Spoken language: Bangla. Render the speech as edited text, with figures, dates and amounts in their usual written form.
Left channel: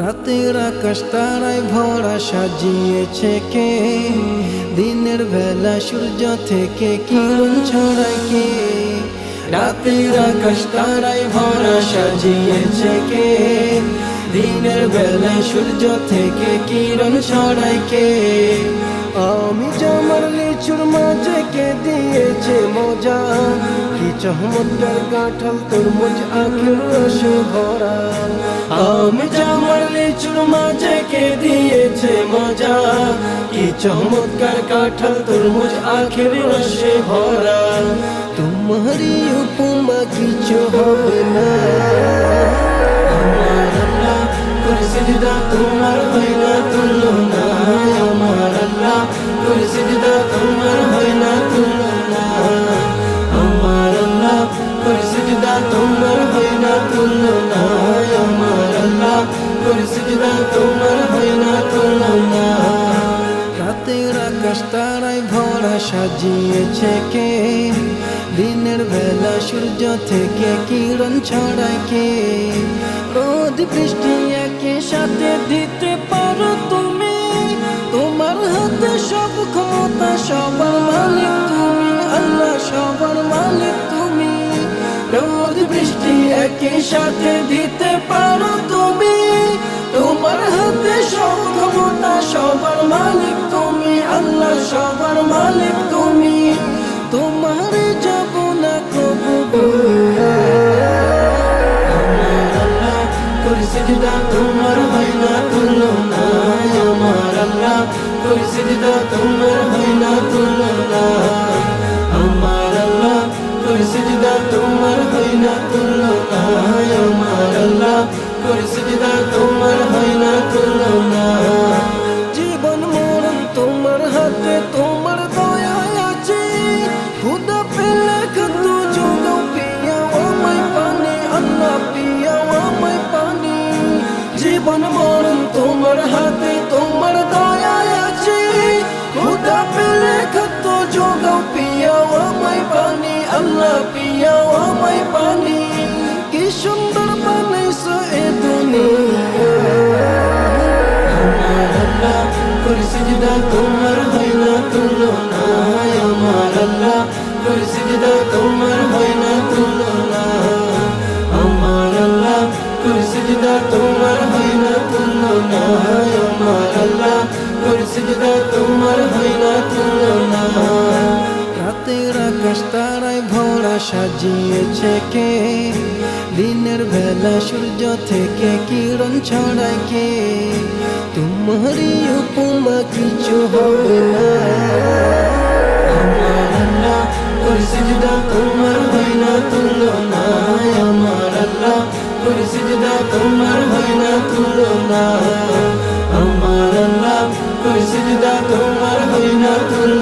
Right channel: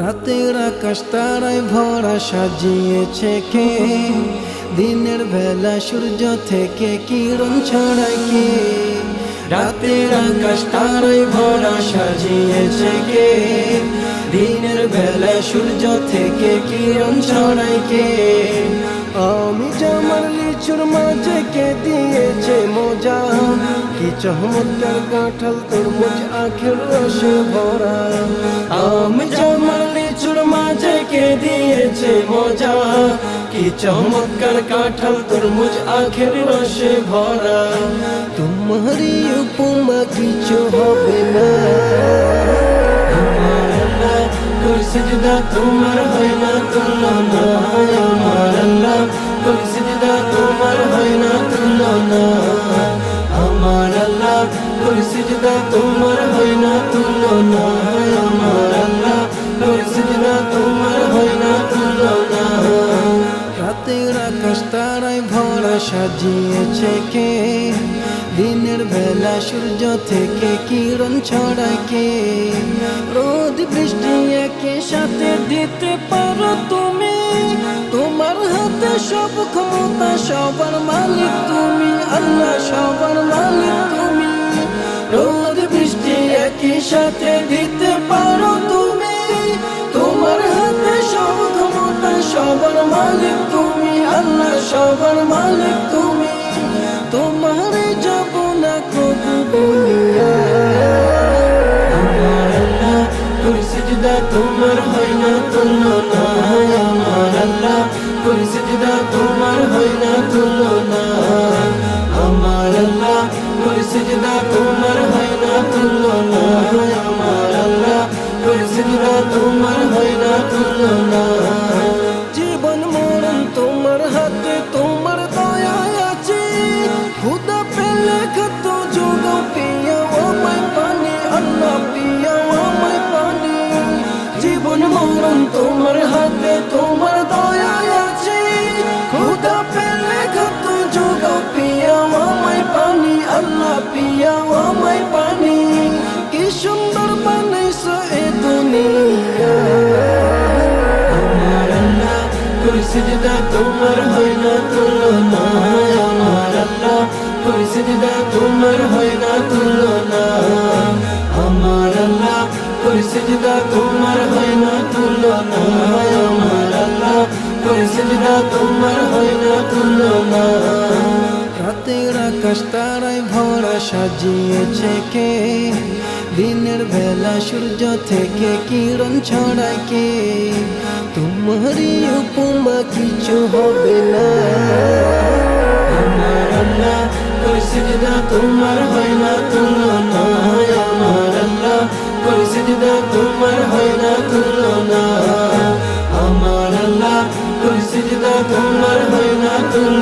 রাতের আকাশ তারায় ভরা সাজিয়েছে কে, দিনের বেলা সূর্য থেকে কিরণ ছড়ায় কে। রাতের আকাশ তারায় ভরা সাজিয়েছে কে, দিনের বেলা সূর্য থেকে কিরণ ছড়ায় কে। আমি জামার লিচুর মাঝে কে দিয়েছে মজা, কি চমৎকার কাঁঠাল তরমুজ আখের রসে ভরা। আমি জামার লিচুর মাঝে কে দিয়েছে মজা, কি চমৎকার কাঁঠাল তরমুজ আখের রসে ভরা। তোমারই উপমা কিছু হবে না, সিজদা তোমার হয় না তুলনা, আমার আল্লাহ করে সিজদা তোমার হয় না তুলনা, আমার আল্লাহ করে সিজদা তোমার হয় না তুলনা, আমার আল্লাহ করে সিজদা তোমার হয় না তুলনা। রাতের আকাশ তারায় ভরা সাজিয়েছে কে, দিনের বেলা সূর্য থেকে কিরণ ছড়ায় কে। রোদ বৃষ্টি একই সাথে দিতে পারো তুমি, তোমার হাতে সব ক্ষমতা, সবার মালিক তুমি আল্লাহ, সবার মালিক তুমি। রোদ বৃষ্টি একই সাথে দিতে পারো তুমি, তোমার হাতে সব ক্ষমতা, সবার মালিক তুমি আল্লাহ, সবার মালিক তুমি। তোমার যাব না কবু বলিয়া, সিজদা তোমার হয় না তুলনা, আমার আল্লাহ করে সিজদা তোমার হয় না তুলনা, আমার আল্লাহ করে সিজদা তোমার হয় না তুলনা, আমার আল্লাহ করে সিজদা তোমার হয় না তুলনা। জীবন মরণ তোমার হাতে, তোমার দয়ায় আছে, খুদা পেলে কত যোগাও পিয়াও আমায় পানি আল্লাহ, পিয়াও আমায় পানি। জীবন মরণ তোমার হাতে, তোমার দয়ায় আছে, খুদা পেলে কত যোগাও পিয়াও আমায় পানি আল্লাহ, পিয়াও আমায় পানি। কি সুন্দর বানাইছো এ দুনিয়া, আমার আল্লাহ করে সিজদা তোমার হয় না তুলনা, আমার আল্লাহ করে সিজদা তোমার হয় না তুলনা, আমার আল্লাহ করে সিজদা তোমার হয় না তুলনা, আমার আল্লাহ করে সিজদা তোমার হয় না তুলনা। রাতের আকাশ তারায় ভরা সাজিয়েছে কে, দিনের বেলা সূর্য থেকে কিরণ ছড়ায় কে। তোমারই উপমা কিছু হবে না, আমার আল্লাহ করে সিজদা তোমার হয় না তুলনা, আমার আল্লাহ করে সিজদা তোমার হয় না তুলনা, আমার আল্লাহ করে সিজদা তোমার হয় না তুলনা।